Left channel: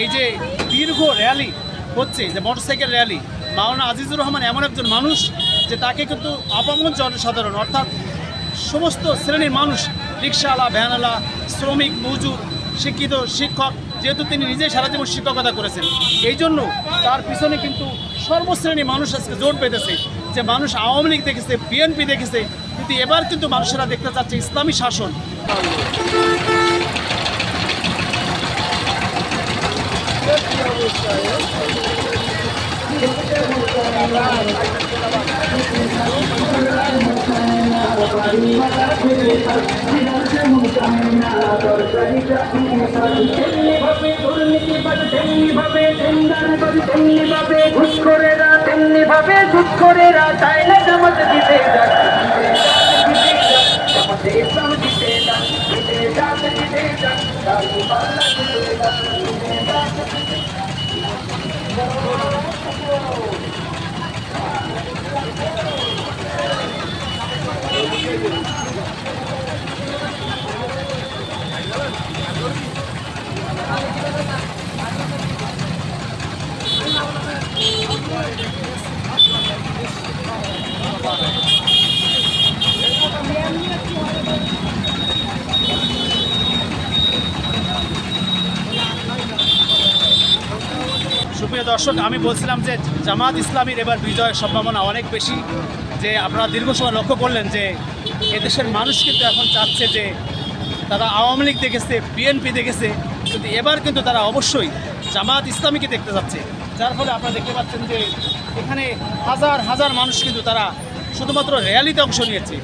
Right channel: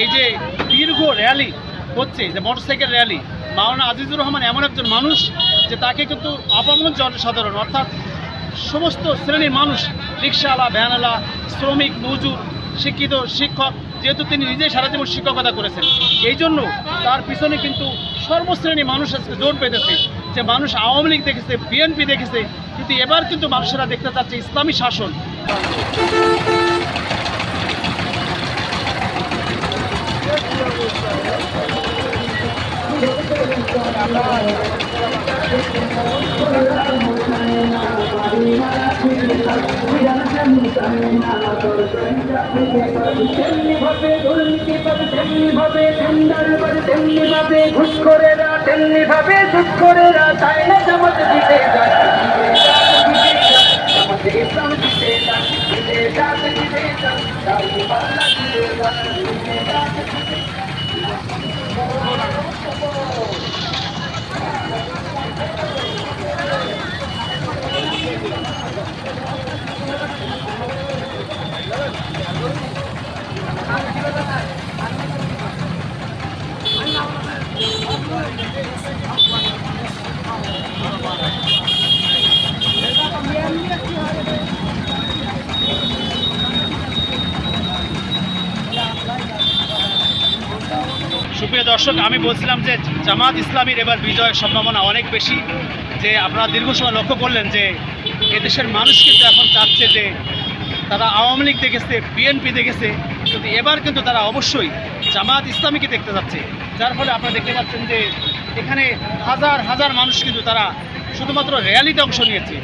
এই যে দীর্ঘ র্যালি হচ্ছে, যে মোটরসাইকেল র্যালি, মাওলানা আজিজুর রহমান এমন একজন মানুষ যে তাকে কিন্তু আপামর জনসাধারণ অর্থাৎ সমস্ত শ্রেণীর মানুষ, রিক্সাওয়ালা, ভ্যানওয়ালা, শ্রমিক, মজুর, শিক্ষিত, শিক্ষক, যেহেতু তিনি নিজেই সারা জীবন শিক্ষকতা করেছেন, এই জন্য তার পিছনে কিন্তু সর্বশ্রেণী মানুষ আজকে জোট পেতেছে। যে মানুষ আওয়ামী লীগ দেখেছে, বিএনপি দেখেছে, কিন্তু এবার কিন্তু মানুষেরা দেখতে চাচ্ছে ইসলামী শাসন। সুপ্রিয় দর্শক, আমি বলছিলাম যে জামাত ইসলামীর এবার বিজয়ের সম্ভাবনা অনেক বেশি। যে আপনারা দীর্ঘ সময় লক্ষ্য করলেন যে এদেশের মানুষ কিন্তু এখন চাচ্ছে যে তারা আওয়ামী লীগ দেখেছে, বিএনপি দেখেছে, কিন্তু এবার কিন্তু তারা অবশ্যই জামাত ইসলামীকে দেখতে যাচ্ছে। যার ফলে আপনারা দেখতে পাচ্ছেন যে এখানে হাজার হাজার মানুষ কিন্তু তারা শুধুমাত্র র্যালিতে অংশ নিয়েছে।